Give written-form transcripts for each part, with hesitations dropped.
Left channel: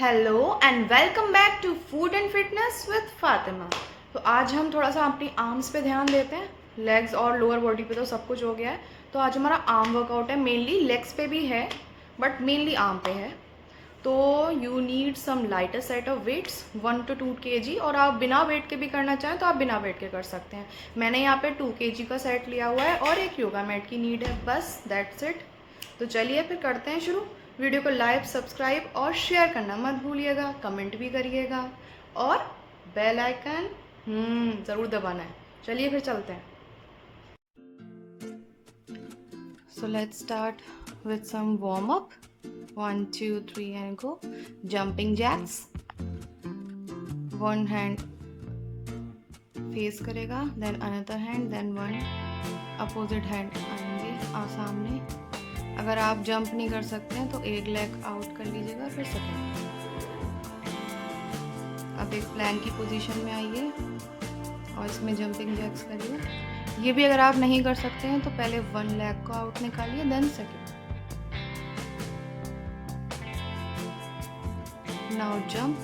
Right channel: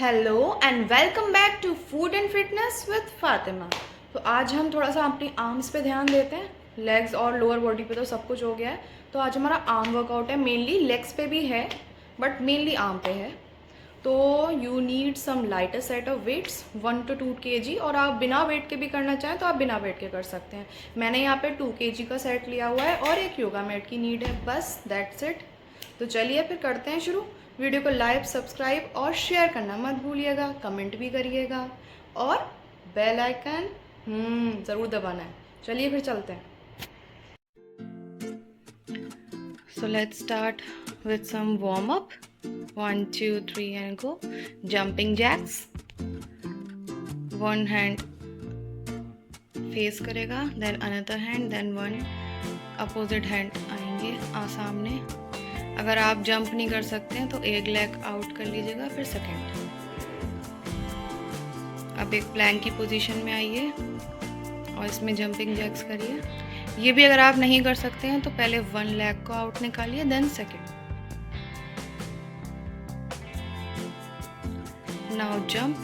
Hello and welcome back to food and fitness with Fatima. तो आज हम थोड़ा सा अपनी आर्म्स पे ध्यान देते हैं। लेग्स और लोअर बॉडी पे तो सब कुछ हो गया है, तो आज हमारा आर्म वर्कआउट है। मेनली लेग्स पे भी है बट मेनली आर्म पे है। तो you need some lighter set of weights 1 to 2 kg, और आप बिना वेट के भी करना चाहें तो आप बिना वेट के कर सकते हैं। मैंने यहाँ पे 2 kg का सेट लिया हुआ है और एक योगा मैट की नीड है, बस दैट्स इट। तो चलिए फिर करते हैं शुरू। वीडियो को लाइक, सब्सक्राइब और शेयर करना मत भूलिएगा, कमेंट भी करिएगा और बेल आइकन ज़रूर दबाना है। चलिए फिर चलते हैं। So let's start with some warm up. 1 2 3 and go. Jumping jacks. One hand face करेगा, then another hand, then one opposite hand आएंगे सामने। अगर आप जंप नहीं कर सकते हैं तो एक लेग आउट कर लीजिएगा, फिर सेकंड। अब एक प्लैंक की पोजीशन में आइए और इसमें जंपिंग जैक्स करिए। ये भी अगर आप नहीं कर सकते हैं तो पहले वन लेग को आउट निकालिए, then second. Now jump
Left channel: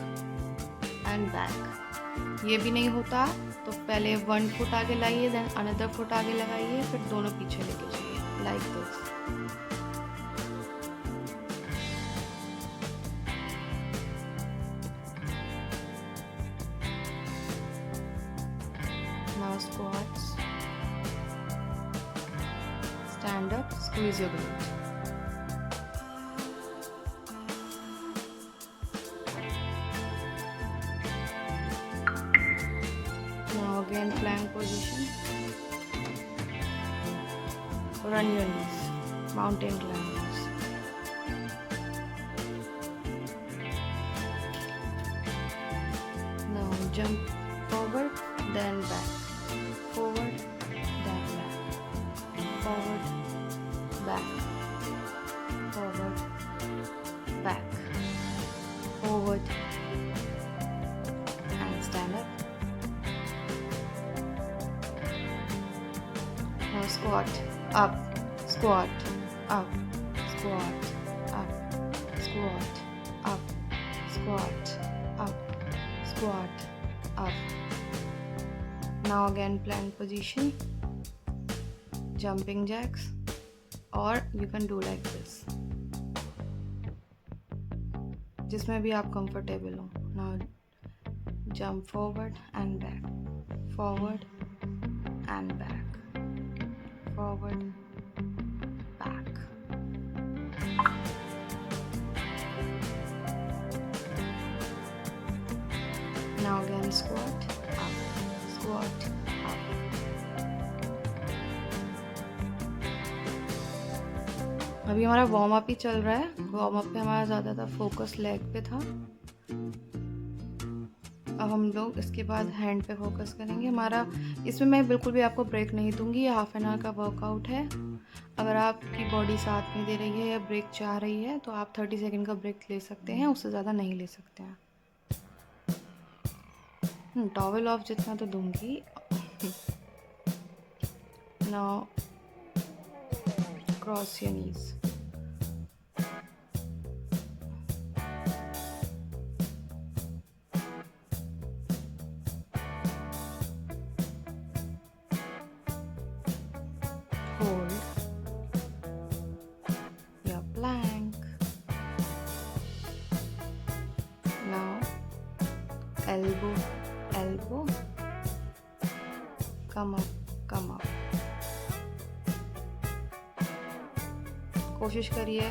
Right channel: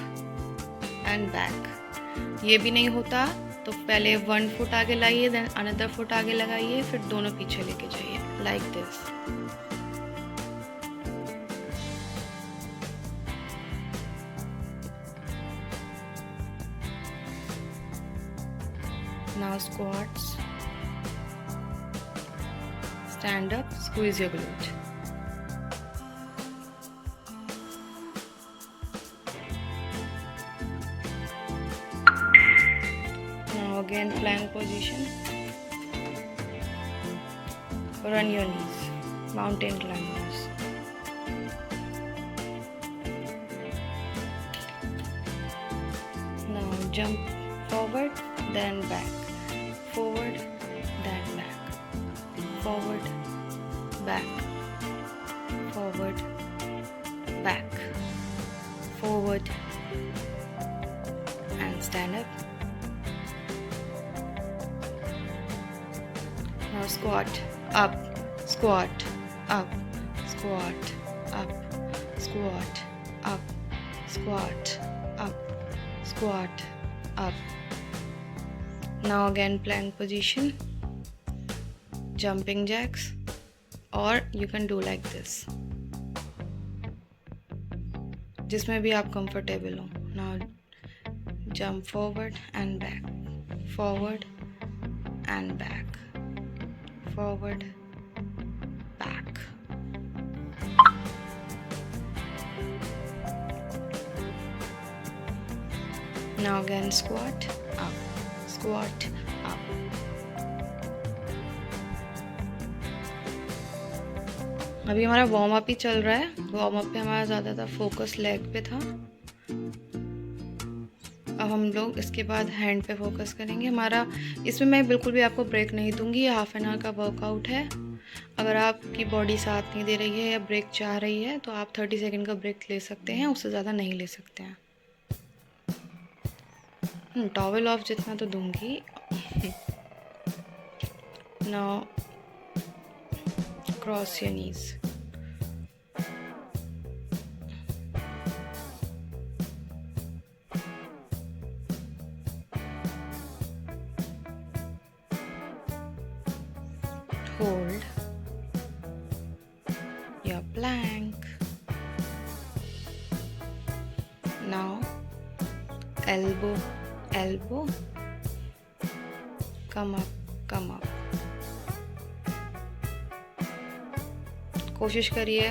and back. ये भी नहीं होता तो पहले वन फुट आगे लाइए, देन अनदर फुट आगे लगाइए, फिर दोनों पीछे लेके जाइए, like this. Now squats. Stand up, squeeze your glute. Now again plank position. Run your knees. Mountain climbers. Now jump forward, then back. Forward, then back. Forward, back. Forward, back. Forward and stand up. Now squat, up, squat, up, squat, up, squat, up, squat, up, squat, up. Now again plank position, jumping jacks, or you can do like this, जिसमें भी आप comfortable हो। Now jump forward and back, forward and back, forward, back. Now again squat, up, squat, up. अभी हमारा warm up ही चल रहा है। Warm up पे हमारा ज़्यादातर फोकस लेग पे था। अब हम लोग इसके बाद हैंड पे फोकस करेंगे। हमारा इसमें मैं बिल्कुल भी आपको ब्रेक नहीं दूंगी। ये हाफ एन आवर का वर्कआउट है। अगर आपकी बॉडी साथ नहीं दे रही है या ब्रेक चाह रही है तो आप 30 सेकेंड का ब्रेक ले सकते हैं, उससे ज़्यादा नहीं ले सकते हैं। टॉवल ऑफ जितना तो दूंगी। Now cross your knees. Hold your plank. Now elbow, elbow, come up, come up. कोशिश करिए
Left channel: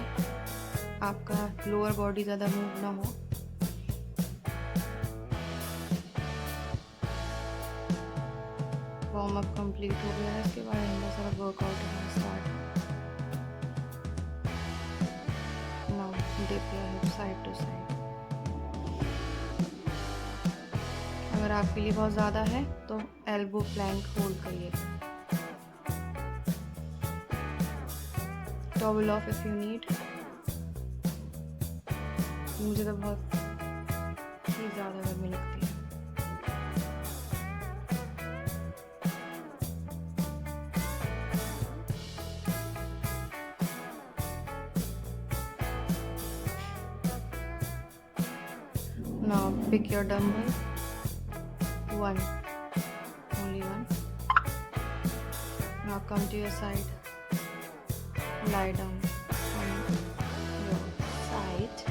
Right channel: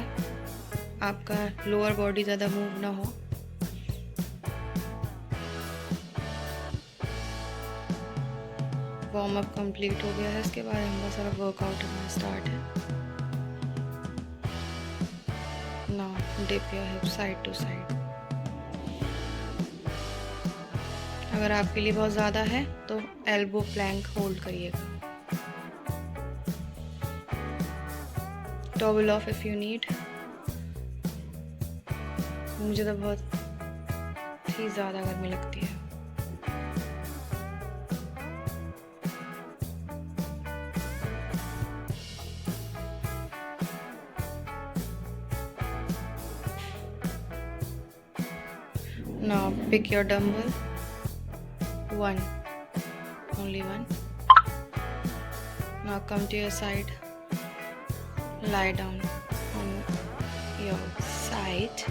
आपका लोअर बॉडी ज़्यादा मूव ना हो। वार्म अप कंप्लीट हो गया है। इसके बाद हमारा सारा वर्कआउट हमारा स्टार्ट है। Now dip your hip side to side. अगर आपके लिए बहुत ज़्यादा है तो एल्बो प्लैंक होल्ड करिएगा। Towel off if you need. मुझे तो बहुत ही ज़्यादा गर्मी लगती है। Now pick your dumbbell. One, only one. Now come to your side. Lie down on your side.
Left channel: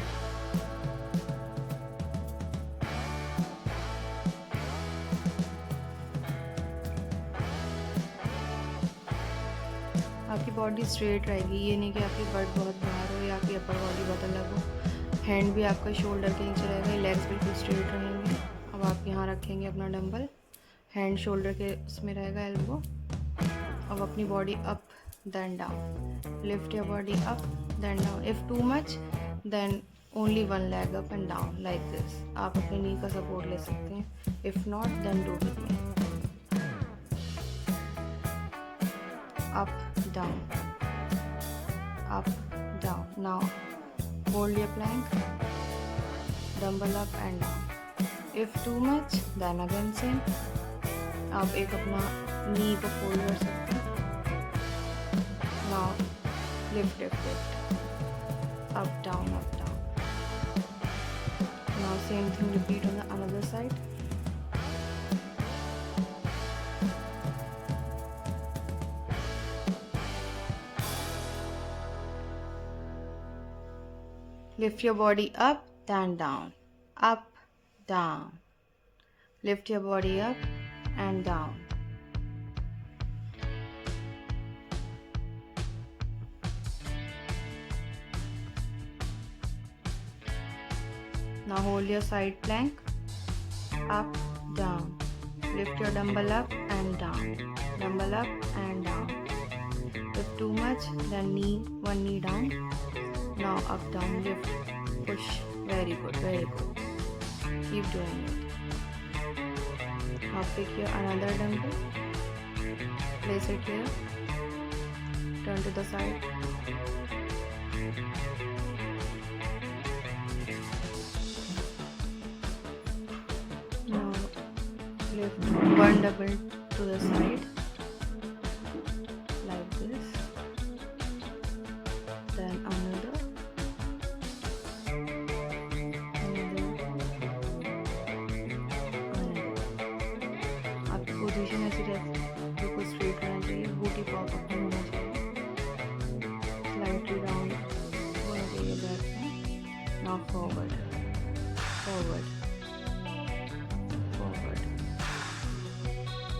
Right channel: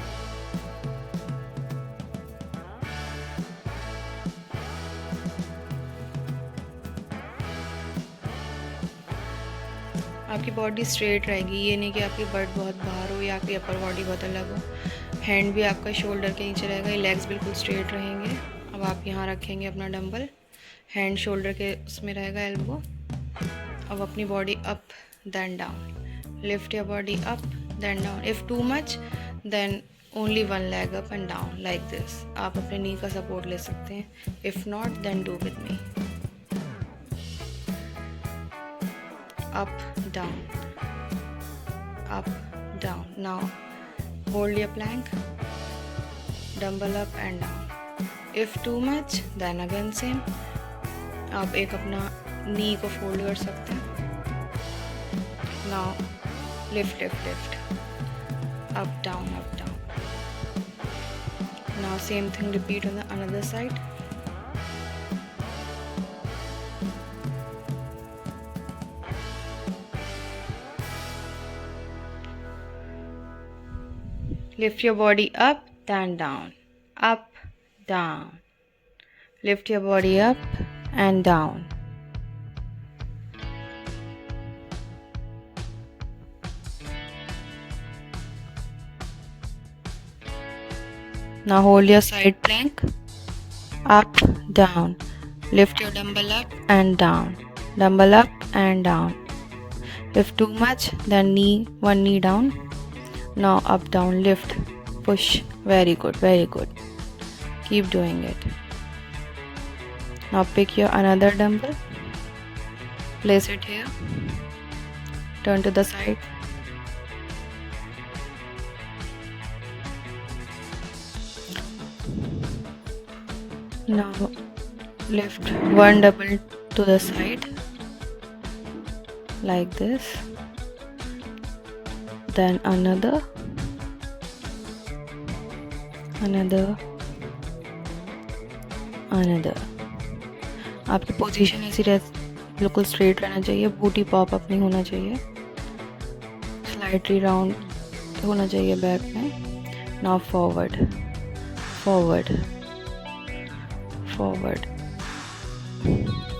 आपकी बॉडी स्ट्रेट रहेगी, ये नहीं कि आपकी बट बहुत बाहर हो या आपकी अपर बॉडी बहुत अलग हो। हैंड भी आपका शोल्डर के नीचे रहेगा, ये लेग्स बिल्कुल स्ट्रेट रहेंगे। अब आप यहाँ रखेंगे अपना डंबल, हैंड शोल्डर के उसमें रहेगा एल्बो। अब अपनी body up then down, lift your body up then down. If too much then only one leg up and down like this. आप अपने नी का सपोर्ट ले सकते हैं। If not then do with me. Up down, up down. Now hold your plank, dumbbell up and down. If too much then again same. आप एक अपना knee को फोल्ड कर सकते हैं। Now lift lift lift, up down up down. Now same thing repeat on the another side. Lift your body up, then down, up, down. Lift your body up and down. Now hold your side plank, up, down. Lift your dumbbell up and down, dumbbell up and down. If too much, then one knee down. Now up, down, lift, push. Very good, very good. Keep doing it. Now pick your another dumbbell, place it here, turn to the side. Now lift one double to the side like this, then another, आपकी position ऐसी बिल्कुल straight रहना चाहिए, बूटी pop up नहीं होना चाहिए, slightly round होना चाहिए बैक में। Now forward forward forward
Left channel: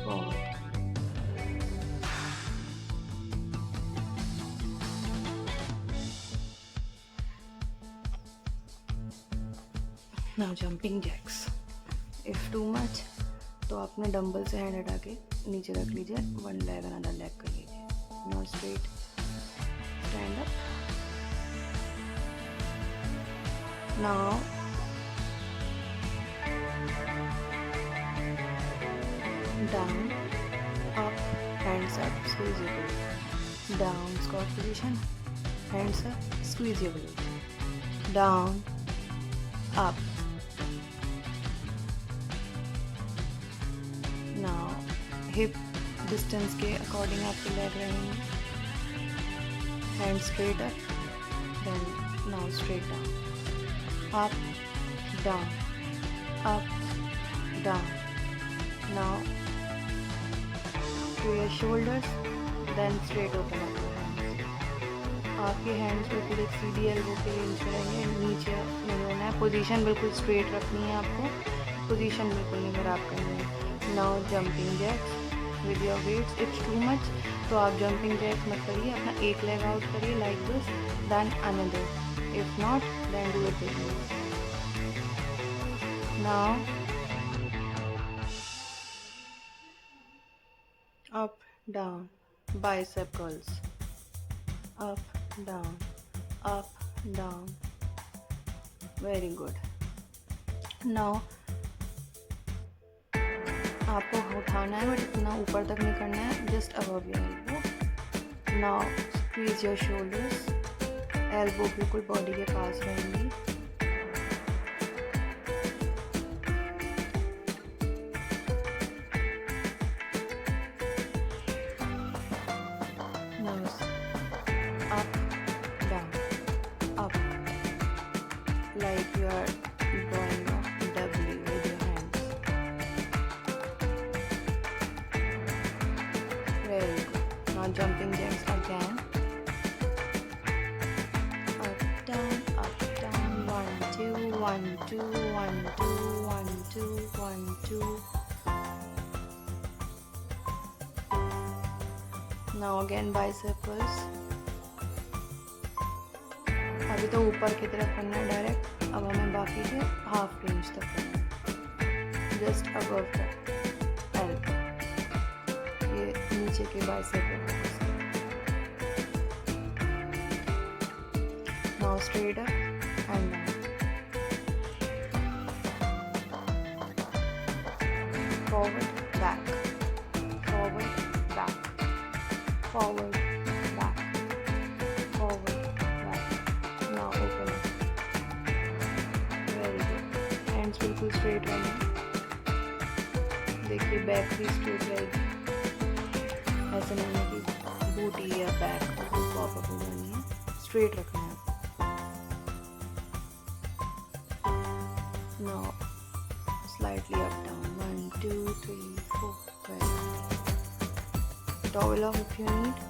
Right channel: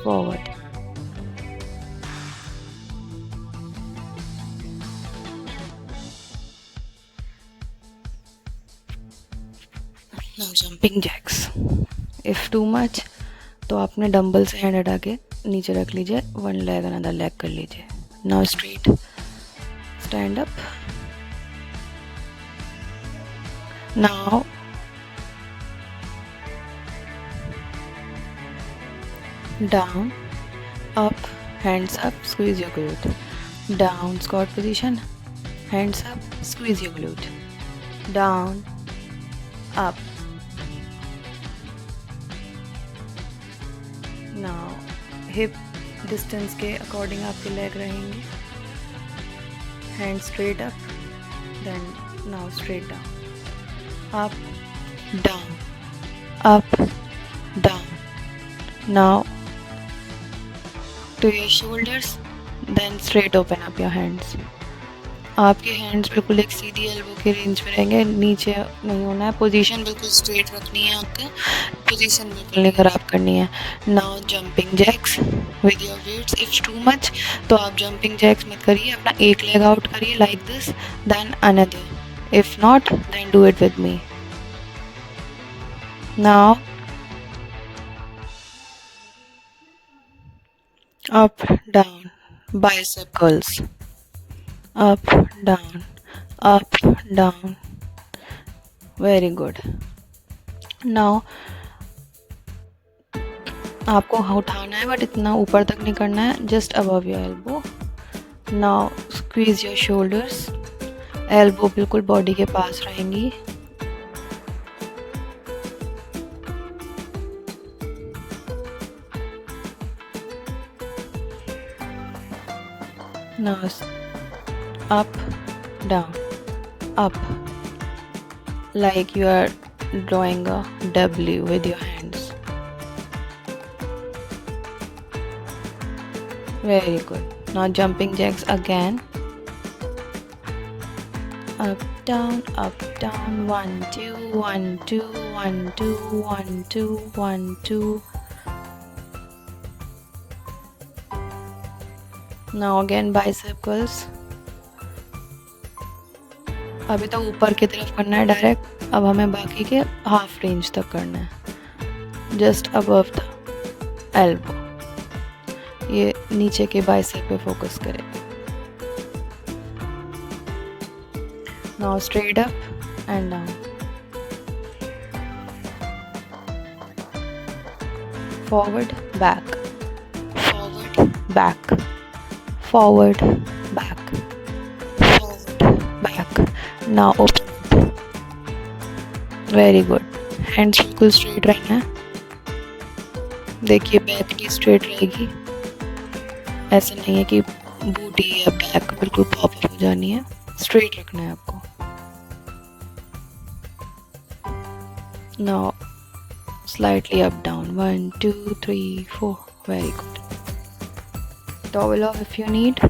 forward. Now jumping Jacques. If too much तो आपने डंबल से हैंड हटा के नीचे रख लीजिए, वन लेग अनदर लेग कर लीजिए। Now straight stand up. Now down, up, hands up, squeeze your glute. Down, squat position, hands up, squeeze your glute. Down, up. Now hip distance के according आपके leg रहेंगे. Hands straight up, then now straight down. Up, down, up, down. Now to your shoulders, then straight open up your hands. आपके hands बिल्कुल एक सीधी elbow के range में रहेंगे, नीचे नहीं होना है। पोजीशन बिल्कुल स्ट्रेट रखनी है, आपको पोजीशन बिल्कुल नहीं ख़राब करनी है। Now jumping jacks with your weights. If too much तो आप जंपिंग जैक्स मत करिए, अपना एक लेग आउट करिए like this, then another. If not then do it with me. Now up, down, bicep curls, up, down, very good. Now आपको उठाना है बट इतना ऊपर तक नहीं करना है, just above your elbow. Now squeeze your shoulders, elbow बिल्कुल बॉडी के पास रहेंगी। Now up, down, up, like you are drawing a W with your hands. Very good. Now jumping jacks again. Up down, 1 2 1 2 1 2 1 2 1 2. Now again bicycles. अभी तक ऊपर की तरफ करना है डायरेक्ट, अब हमें बाकी के हाफ रेंज तक करना है, जस्ट अबव द एल्बो। ये नीचे के बाइसेप पे फोकस करें। Now straight up and down, forward back, forward back, forward back, forward back. Now open up. Very good. Hands बिल्कुल स्ट्रेट रहना है। देखिए बैक भी स्ट्रेट रहेगी, ऐसा नहीं है कि बूटी या बैक बिल्कुल पॉप अप हो जानी है, स्ट्रेट रखना है आपको। Now slightly up down, 1 2 3 4। Very good. Towel of if you need.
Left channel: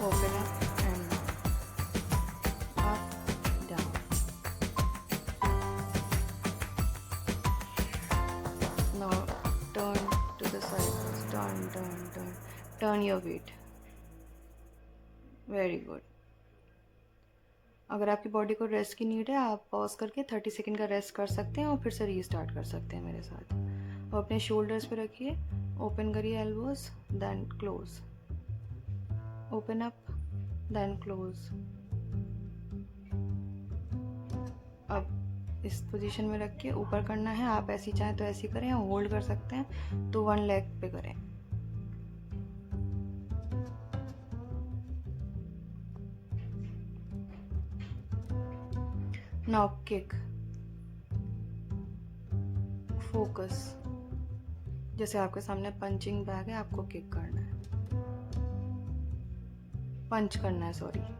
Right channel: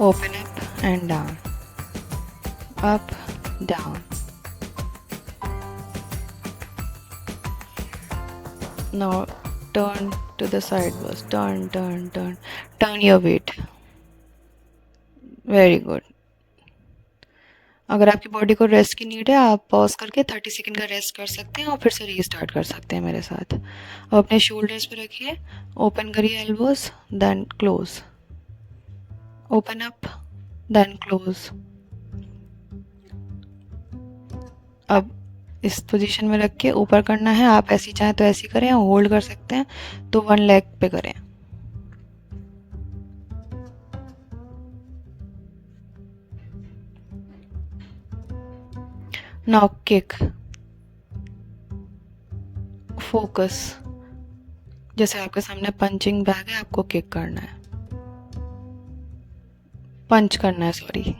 Open up and down, up, down. Now turn to the side first, turn, turn your weight. Very good. अगर आपकी body को rest की need है, आप pause करके 30 second का rest कर सकते हैं और फिर से रीस्टार्ट कर सकते हैं मेरे साथ। अब अपने शोल्डर्स पे रखिए, ओपन करिए elbows, then close, open up, then close. अब इस पोजीशन में रख के ऊपर करना है। आप ऐसी चाहें तो ऐसी करें, होल्ड कर सकते हैं तो 1 लेग पे करें। Now kick, focus. जैसे आपके सामने पंचिंग बैग है, आपको किक करना है, पंच करना है, sorry.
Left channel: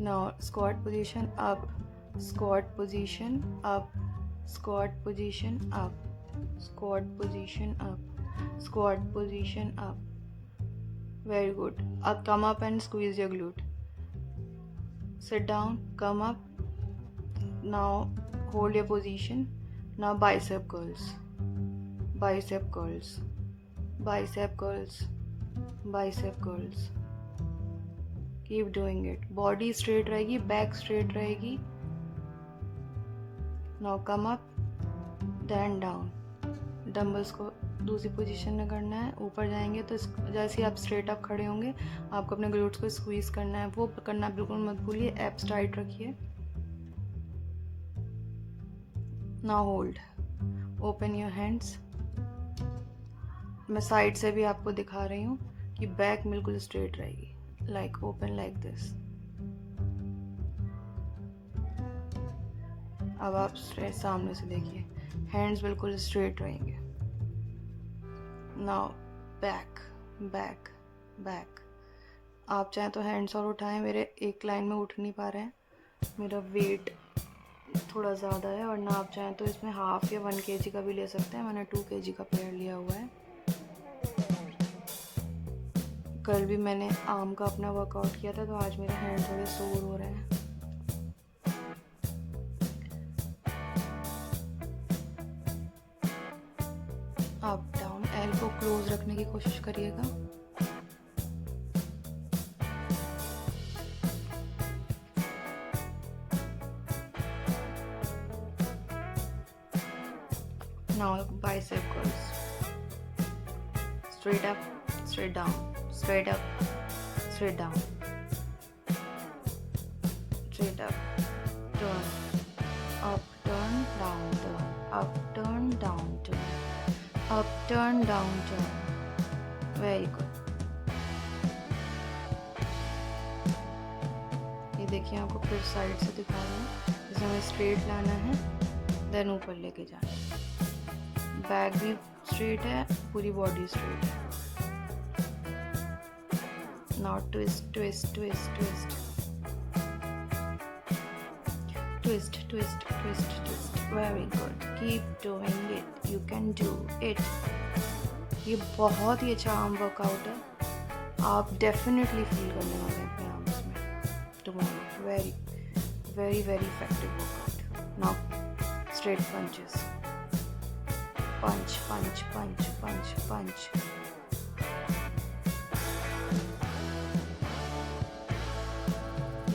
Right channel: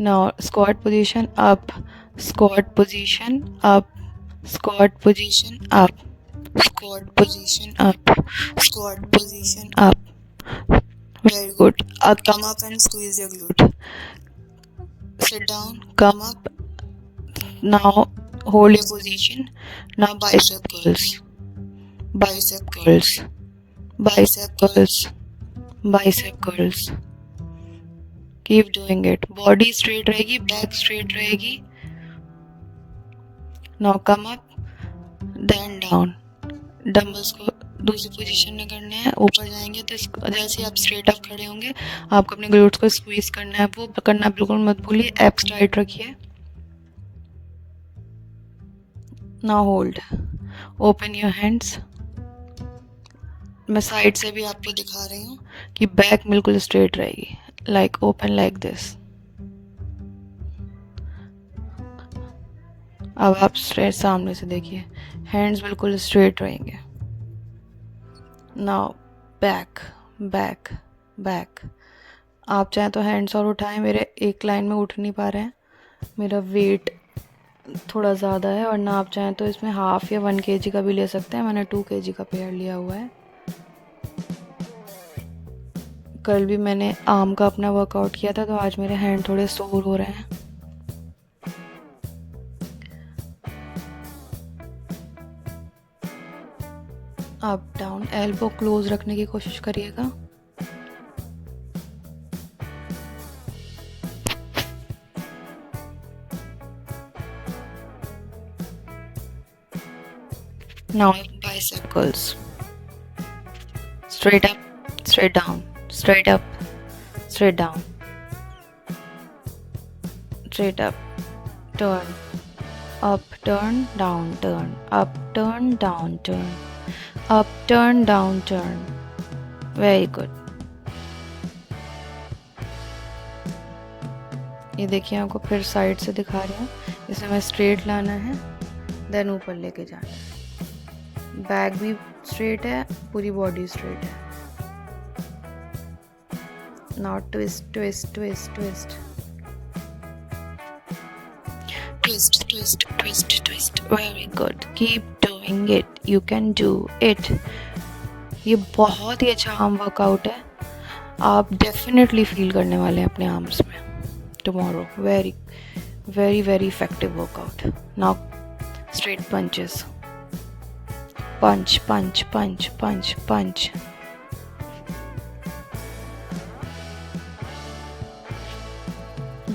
Now squat position up, squat position up, squat position up, squat position up, squat position up. Very good. Come up and squeeze your glute. Sit down, come up. Now hold your position. Now bicep curls, bicep curls, bicep curls, bicep curls. Keep doing it. Body straight रहेगी, back straight रहेगी. Now come up, then down. Dumbbells को दूसरी position में करना है, ऊपर जाएंगे तो जैसे आप स्ट्रेट अप खड़े होंगे, आपको अपने ग्लूट्स को स्क्वीज करना है, वो करना बिल्कुल मत भूलिए। एब्स टाइट रखिए। Now hold, open your hands. मैं साइड से भी आपको दिखा रही हूँ कि बैक बिल्कुल स्ट्रेट रहेगी, लाइक ओपन लाइक दिस। अब आप स्ट्रेट सामने से देखिए, हैंड्स बिल्कुल स्ट्रेट रहेंगे। Now back, back, back. आप चाहें तो हैंड्स और उठाएं, मेरे एक लाइन में उठ नहीं पा रहे हैं, मेरा वेट थोड़ा ज़्यादा है। और ना आप चाहें तो इसमें हाफ या 1 kg का भी ले सकते हैं। मैंने 2 kg का पेयर लिया हुआ है। कल भी मैंने आर्म का अपना वर्कआउट किया था, तो आज मेरे हैंड थोड़े सोर हो रहे हैं। अप डाउन, एल्बो क्लोज रखने की कोशिश करिएगा। Now bicep curls. Straight up, straight down, straight up, straight down, straight up, turn, up, turn, down, turn, up, turn, down, turn, up, turn, down, turn. Very good. ये देखिए, आपको फिर side से दिखा रही हूँ। इसे मैं स्ट्रेट लाना है, देन ऊपर लेके जाना है। बैक भी स्ट्रेट है, पूरी बॉडी स्ट्रेट है। Now twist twist twist twist twist twist twist twist very good keep doing it you can do it। ये बहुत ही अच्छा आर्म वर्कआउट है, आप डेफिनेटली फील करने वाले हैं अपने आर्म्स में tomorrow. Very very very effective workout. Now straight punches, punch punch punch punch punch.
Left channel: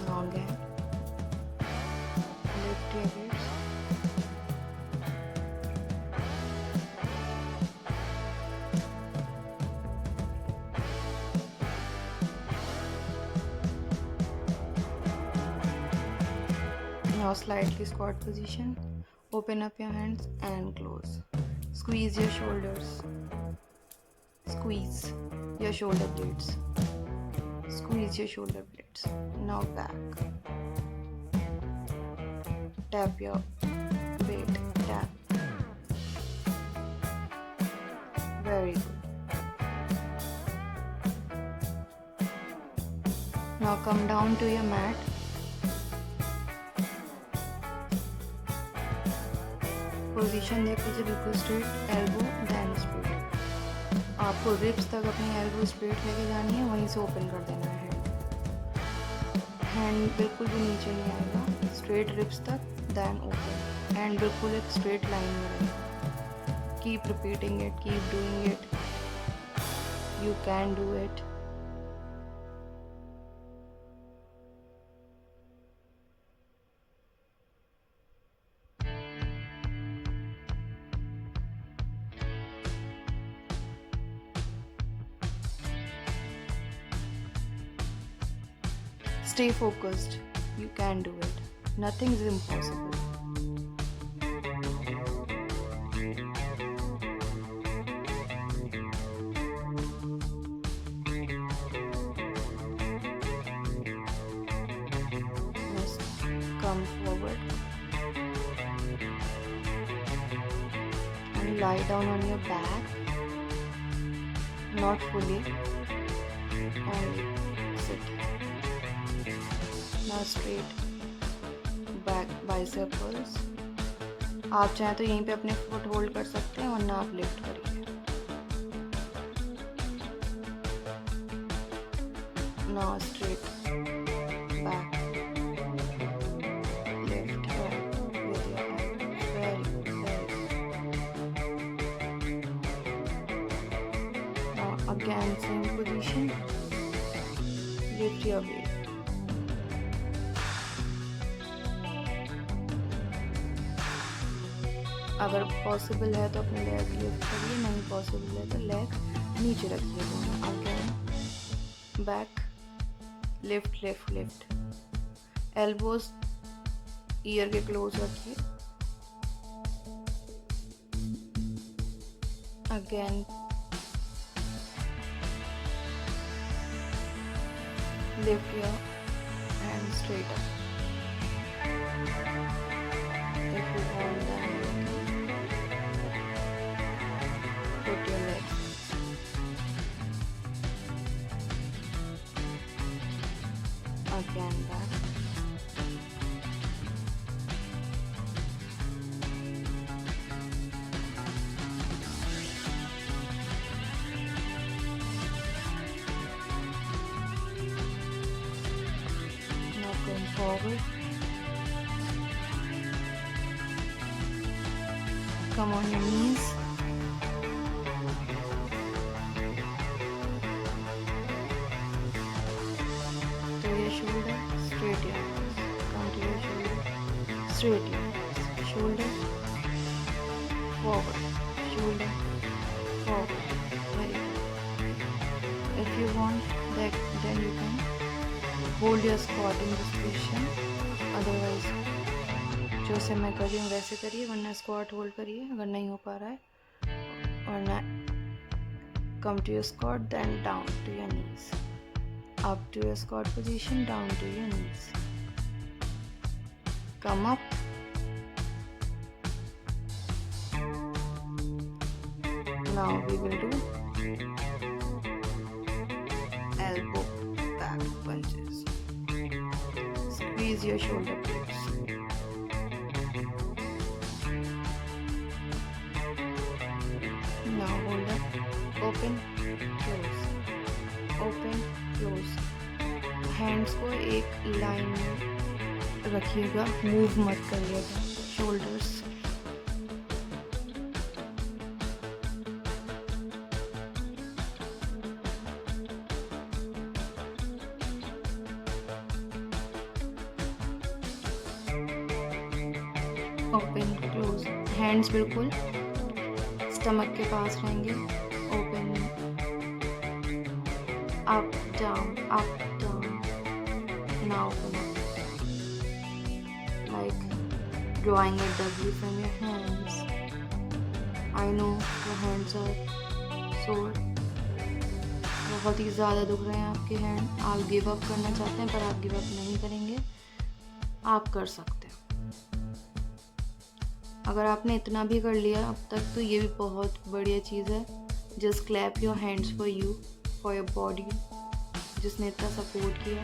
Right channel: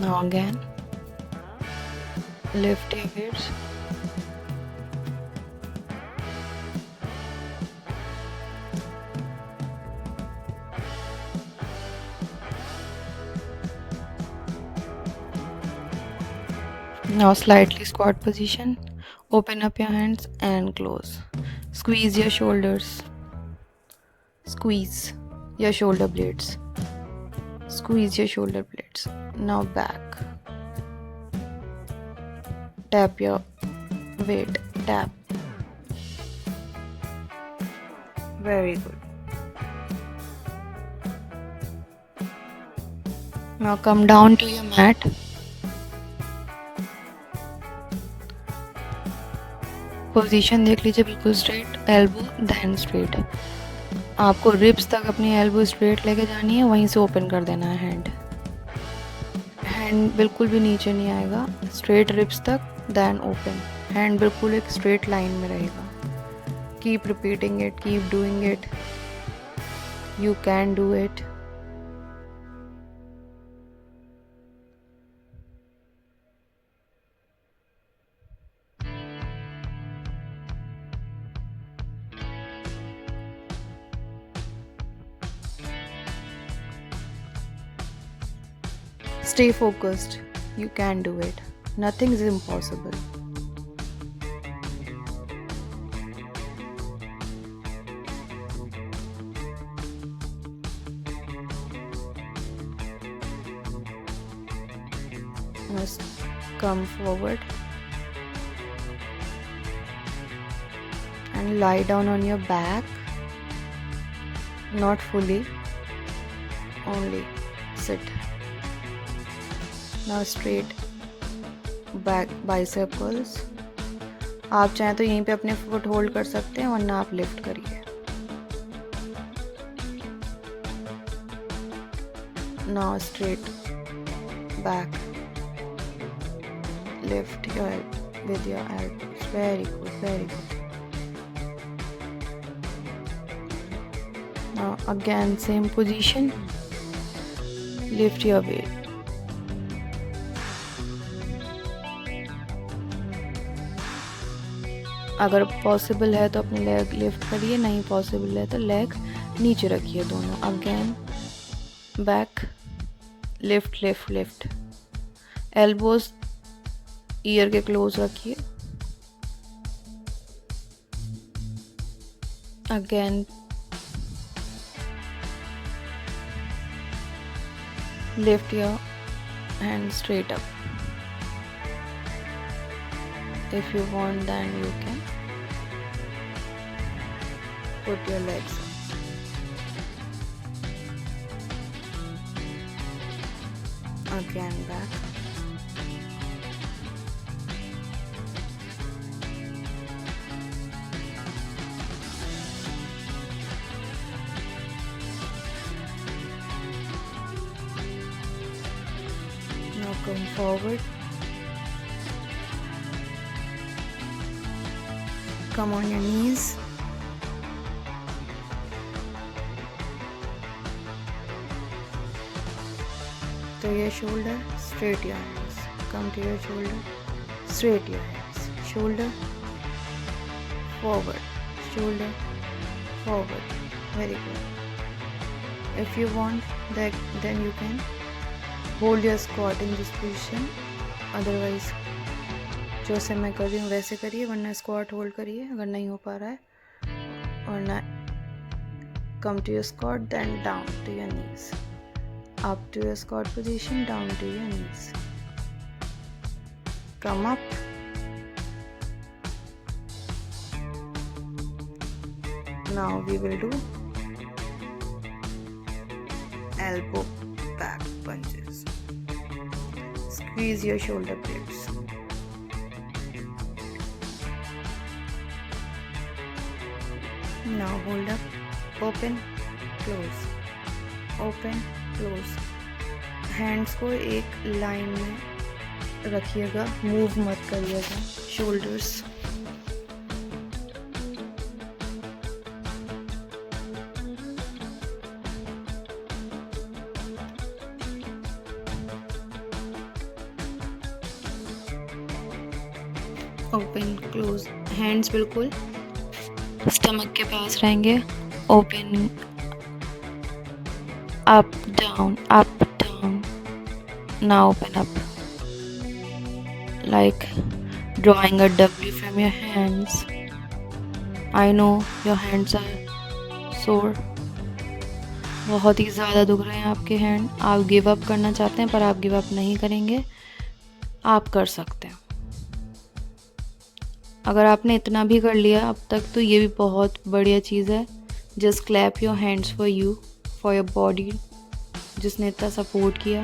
Now again lift your hips, now slightly squat position, open up your hands and close, squeeze your shoulders, squeeze your shoulder blades, squeeze your shoulder blades, now back, tap your weight, tap, very good, now come down to your mat, position देख लीजिए बिल्कुल straight, elbow then straight. आपको ribs तक अपनी elbow straight लेके जानी है, वहीं से ओपन कर देना है हैंड, हैंड बिल्कुल भी नीचे नहीं आएगा, स्ट्रेट रिब्स तक देन ओपन, हैंड बिल्कुल एक स्ट्रेट लाइन में रहेगा। Keep repeating it, keep doing it, you can do it. Stay focused. You can do it. Nothing is impossible. Just come forward and lie down on your back. Not fully. Only sit. Now straight back bicycles। आप चाहें तो यहीं पे अपने foot hold कर सकते हैं, वरना आप लिफ्ट करिए। Now straight back, lift your with your elbows, very good, very good। Now again same position, lift your weight। अगर पॉसिबल है तो अपने लेग लिफ्ट करिए, नहीं पॉसिबल है तो लेग नीचे रखिए दोनों। Again back, lift lift lift, elbows year के क्लोज रखिए। Again lift your hand straight up. If you want, then you can put your legs again back, now come forward, come on your knees, to your shoulder, straight your arms, come to your shoulder, straight your arms, shoulder, forward, shoulder, forward, very good। If you want that, then you can hold your squat in this position, otherwise जैसे मैं कर रही हूँ वैसे करिए, वरना squat hold करिए अगर नहीं हो पा रहा है, वरना come to your squat then down to your knees, up to your squat position, down to your knees, come up Now we will do elbow back punches. Squeeze your shoulder blades. Now hold up, open, close, open, close. Hands को एक line में रखिएगा, move मत करिएगा. Shoulders, open close. Hands बिल्कुल stomach के पास रहेंगे. Open, up down, up down. Now open up, like drawing a W from your hands. I know your hands are sore. बहुत ही ज़्यादा दुख रहे हैं आपके हैंड. आप गिव अप करना चाहते हैं पर आप गिव अप नहीं करेंगे. आप कर सकते हैं. अगर आपने इतना भी कर लिया अब तक तो ये भी बहुत बढ़िया चीज़ है. Just clap your hands for you, for your body, जिसने इतना सपोर्ट किया.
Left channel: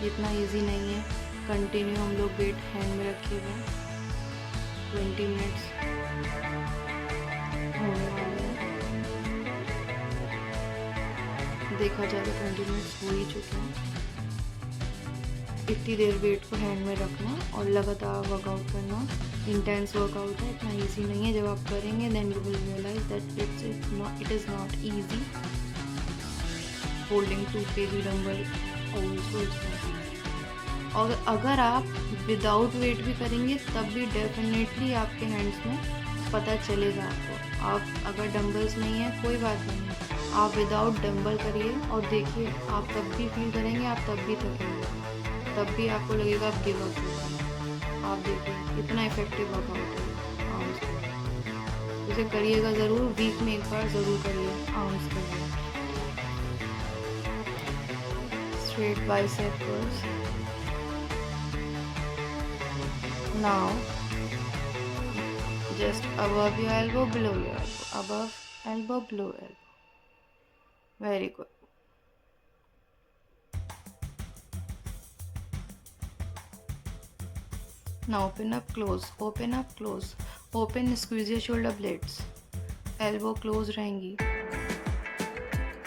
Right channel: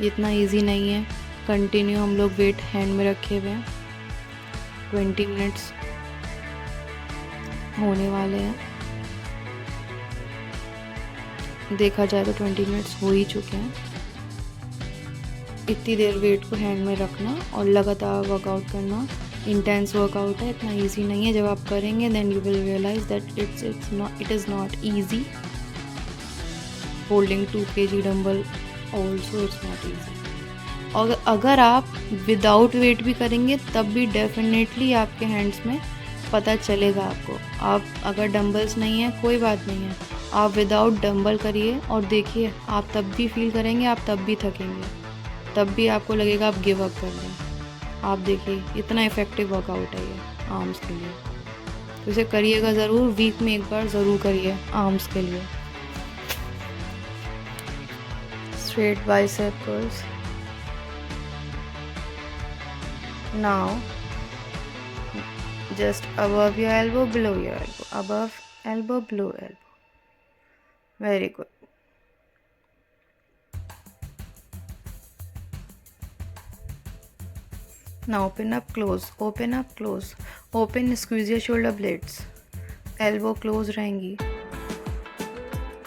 ये इतना इजी नहीं है. कंटिन्यू हम लोग वेट हैंड में रखे हुए हैं. 20 मिनट्स होने वाले हैं. देखा जाए तो 20 मिनट्स हो ही चुके हैं. इतनी देर वेट को हैंड में रखना और लगातार वर्कआउट करना. इंटेंस वर्कआउट है, इतना इजी नहीं है. जब आप करेंगे then you will realize that it is not easy. Holding 2 kg dumbbell also it's not easy. और अगर आप विदाउट वेट भी करेंगे तब भी डेफिनेटली आपके हैंड्स में पता चलेगा आपको. आप अगर डंबल्स नहीं है कोई बात नहीं है, आप विदाउट डंबल करिए और देखिए, आप तब भी फील करेंगे, आप तब भी थकेंगे, तब भी आपको लगेगा आप गिव अप कर रहे हैं. आप देखिए इतना इफ़ेक्टिव वर्कआउट है ये आर्म्स के लिए. इसे करिएगा ज़रूर. वीक में एक बार ज़रूर करिए आर्म्स के लिए. Straight bicep curls. Now, just above your elbow, below your elbow, above elbow, below elbow. Very good. Now open up, close, open up, close, open. Squeeze your shoulder blades. Elbow close रहेंगी.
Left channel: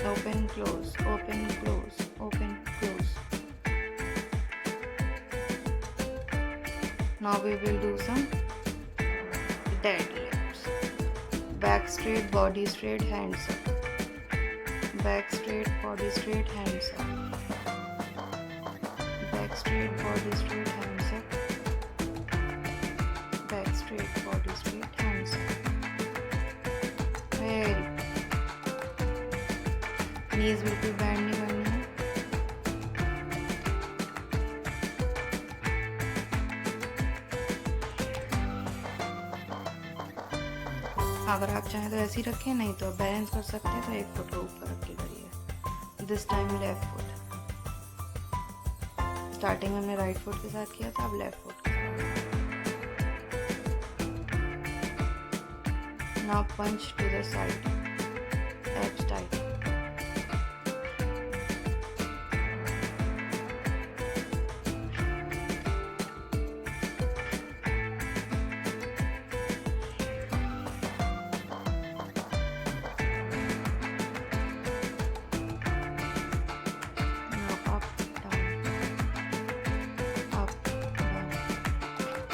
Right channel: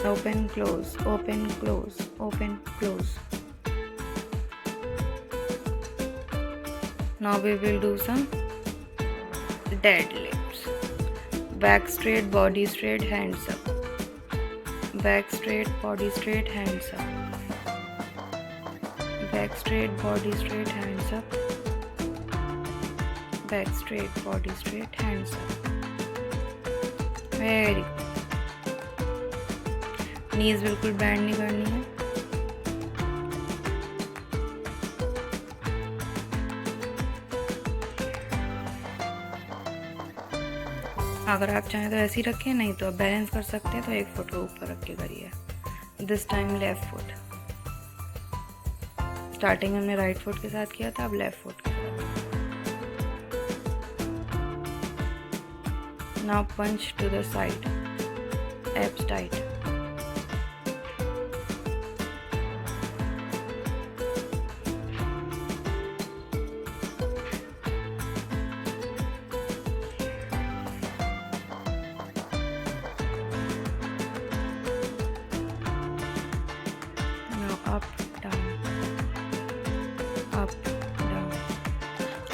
Open, close, open, close, open, close. Now we will do some deadlifts. Back straight, body straight, hands up. Back straight, body straight, hands up. Back straight, body straight, hands up. Back straight, body straight, hands up. Very good. नीज बिल्कुल band नहीं करनी है. अगर आप चाहें तो ऐसे ही रखें, नहीं तो आप बैलेंस कर सकते हैं तो एक फुट को ऊपर रख के करिए. This time left foot. Starting में हमने राइट फुट के साथ किया था, अब लेफ्ट फुट के साथ. Now punch to the side, abs tight.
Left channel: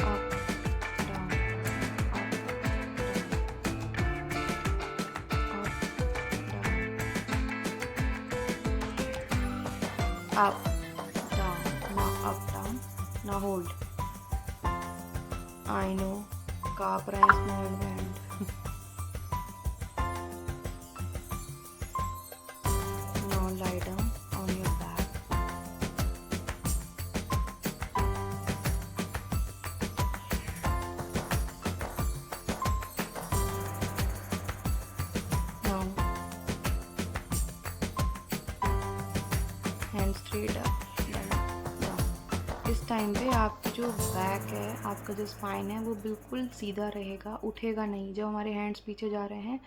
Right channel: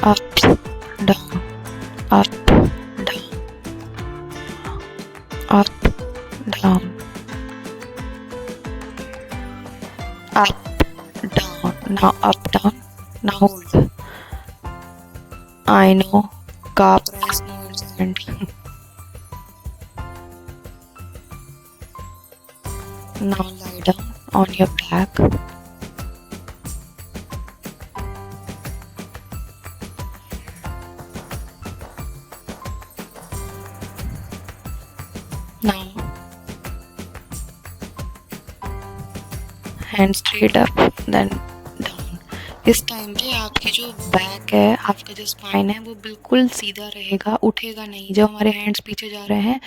Up, down, up, down, up, down, up, down. Now up, down. Now hold. I know, calf press nerves and now lie down on your back. Now hand straight up, then down. इस time पे आपकी जो back है, आपका जो spine है, वो बिल्कुल सीधा रहेगा, उठेगा नहीं। जब हमारे हैंड्स पीछे जा रहे हैं,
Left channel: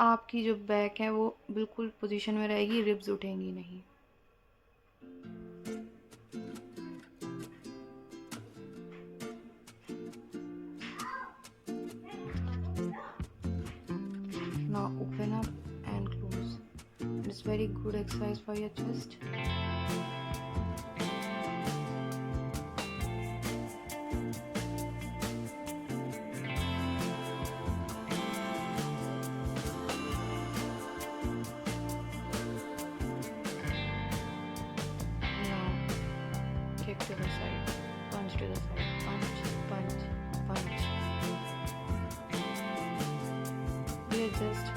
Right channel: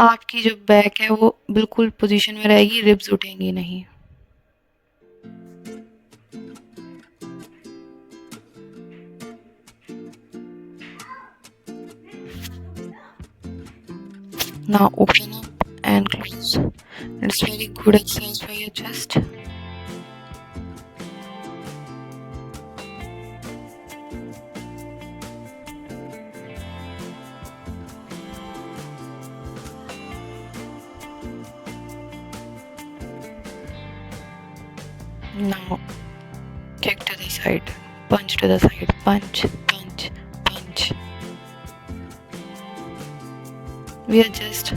आपकी जो बैक है वो बिल्कुल पोजीशन में रहेगी, रिब्स उठेंगी नहीं। Now open up and close. It's very good exercise for your chest. Now kick to the side, punch to the side, punch, punch, punch. We are just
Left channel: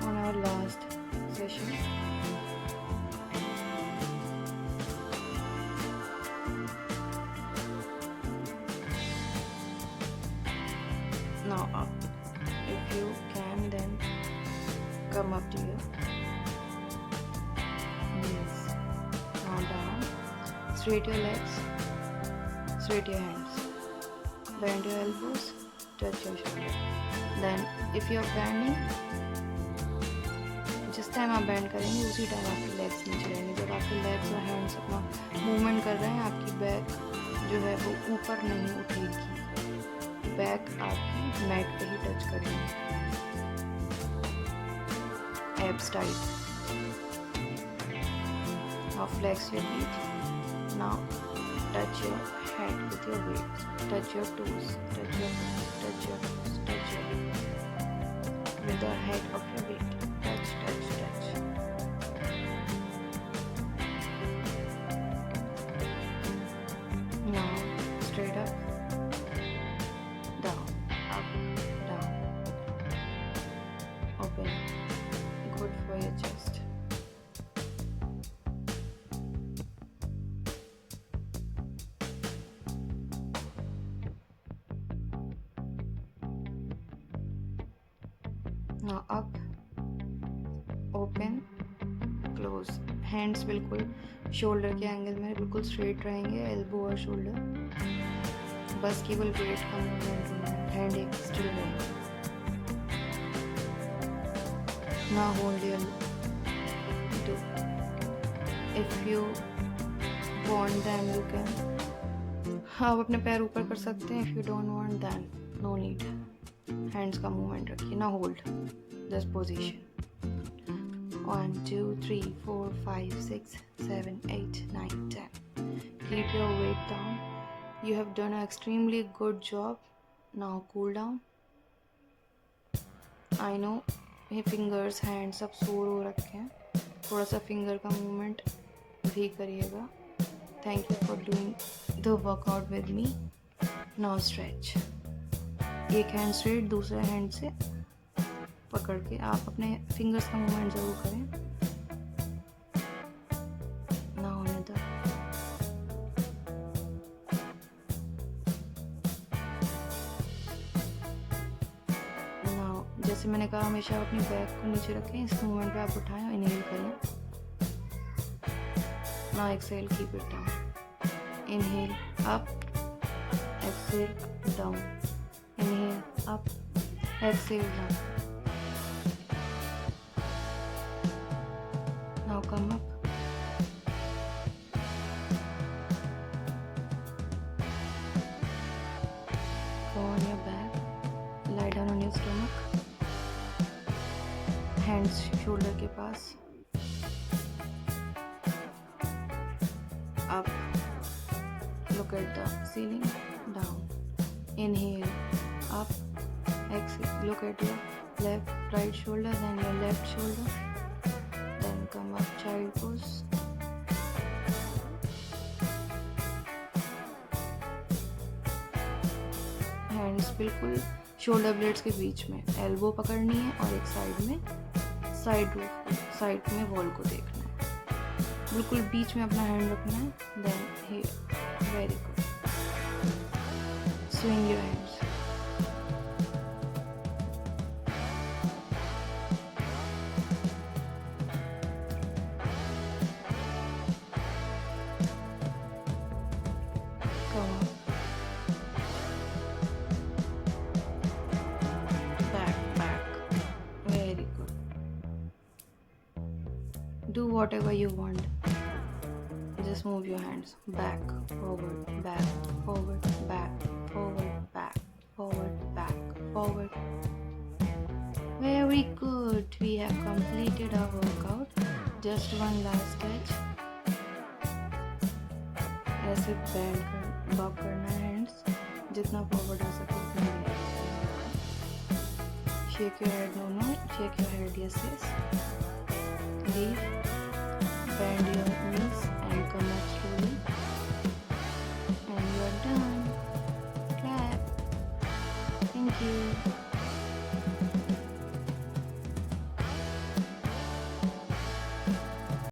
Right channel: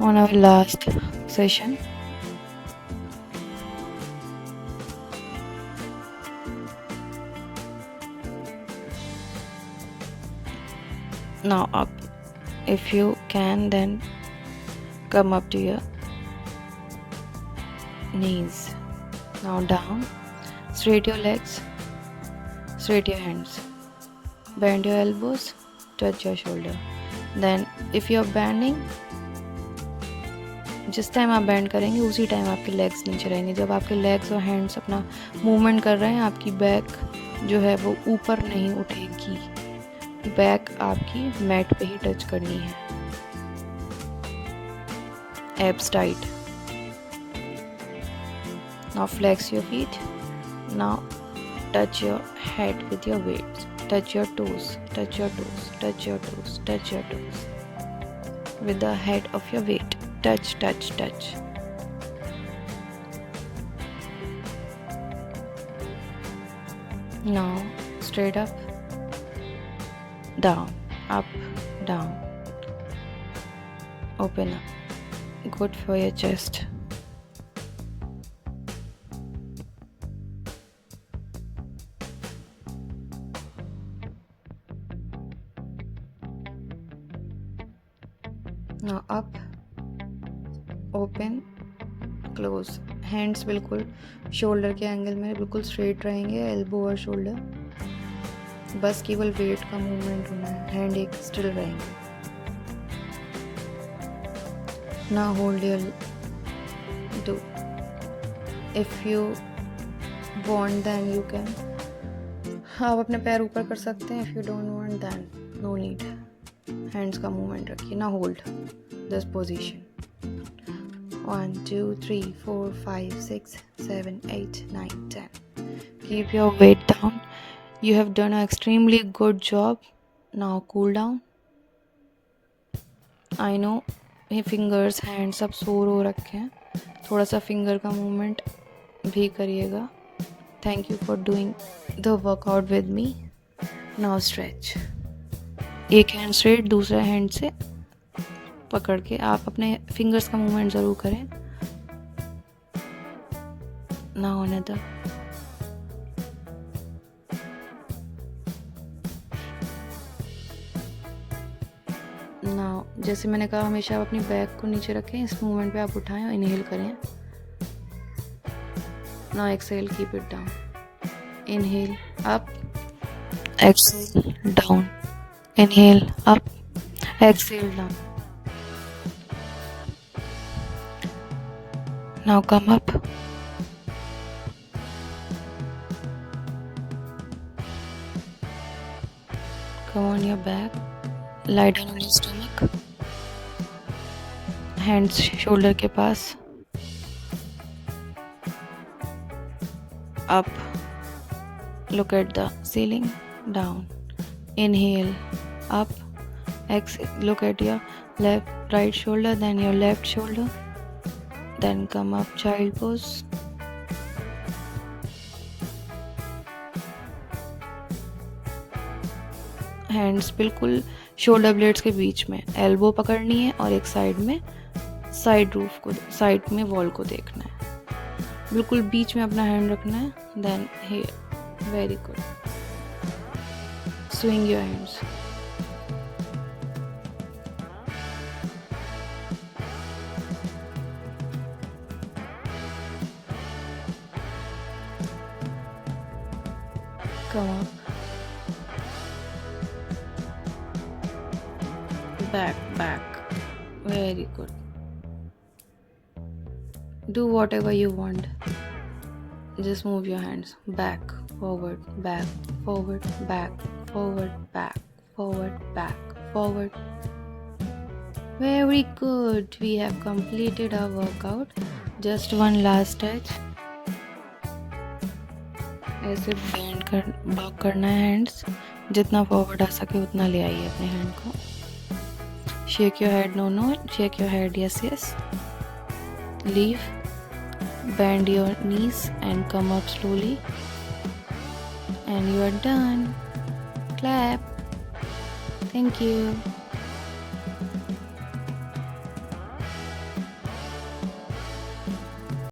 on our last session. Now up. If you can, then come up to your knees. Now down. Straight your legs. Straight your hands. Bend your elbows. Touch your shoulder. Then if you are bending, जिस time आप band करेंगे उसी time आपके legs नीचे रहेंगे। जब आपके legs और हैंड्स अपना मूवमेंट कर रहे हैं, आपकी बैक जो है वो ऊपर नहीं उठेगी। बैक आपकी मैट पे ही टच करनी है। Abs tight. Now flex your feet. Now touch your head with your weights. Touch your toes, touch your toes, touch your toes, touch your toes with the head of your weight. Touch, touch, touch. Now straight up, down, up, down. Open up. Good for your chest. Now up, open, close. Hands बिल्कुल shoulder के angle में बिल्कुल straight रहेंगे, elbow और shoulder. बस केवल wait का movement होना है, हैंड एक स्टिल रहेंगे। Now hold your do. If you want then you can. आप अपने पैर ऊपर कर सकते हैं। If you don't want then no need. Hands का मूवमेंट रखिए। ना hold this position. 1 2 3 4 5 6 7 8 9 10. Keep your weight down. You have done an extremely good job. Now cool down. I know ये फिंगर्स हैंड्स सब सोर हो रखे हैं, थोड़ा सा फिंगर का मूवमेंट भी करिएगा। Thank you for doing the workout with me. Now stretch. एक हैंड स्ट्रेट, दूसरा हैंड से पकड़ के आप अपने फिंगर्स का मूवमेंट ज़रूर करें। Now another. नाउ जैसे मैंने कहा, हमेशा अपनी बैक को नीचे रखें। इस मूवमेंट पे आप उठाएं और इनहेल करें। Now exhale, keep it down. Inhale up, exhale down. Inhale up, exhale down. Now come up. Come on your back. Lie down on your stomach. Hands shoulder के पास. Up. Look at the ceiling. Down. Inhale up, exhale. Look at your right shoulder, then your left shoulder, then come up, child pose. Hands बिल्कुल shoulder blades के बीच में, elbow पकड़नी है और एक side में side roof को, साइड में वॉल को देखना है। बिल्कुल बीच में अपना हैंड रखना है। Then here, very good. Swing your hands. Come on. Back, back. Very good. Do whatever you want. Just move your hands. Back, forward, back, forward, back, forward, back, forward, back, forward. Very good. We have completed our workout. Just one last touch. ऐसे lock करना है hands. जितना forward आ सके उतना ले आइए अपने hand को. Shake your head. No. Shake your head. Yes. Leave. Bend your knees and come up slowly. And you are done. Clap. Thank you.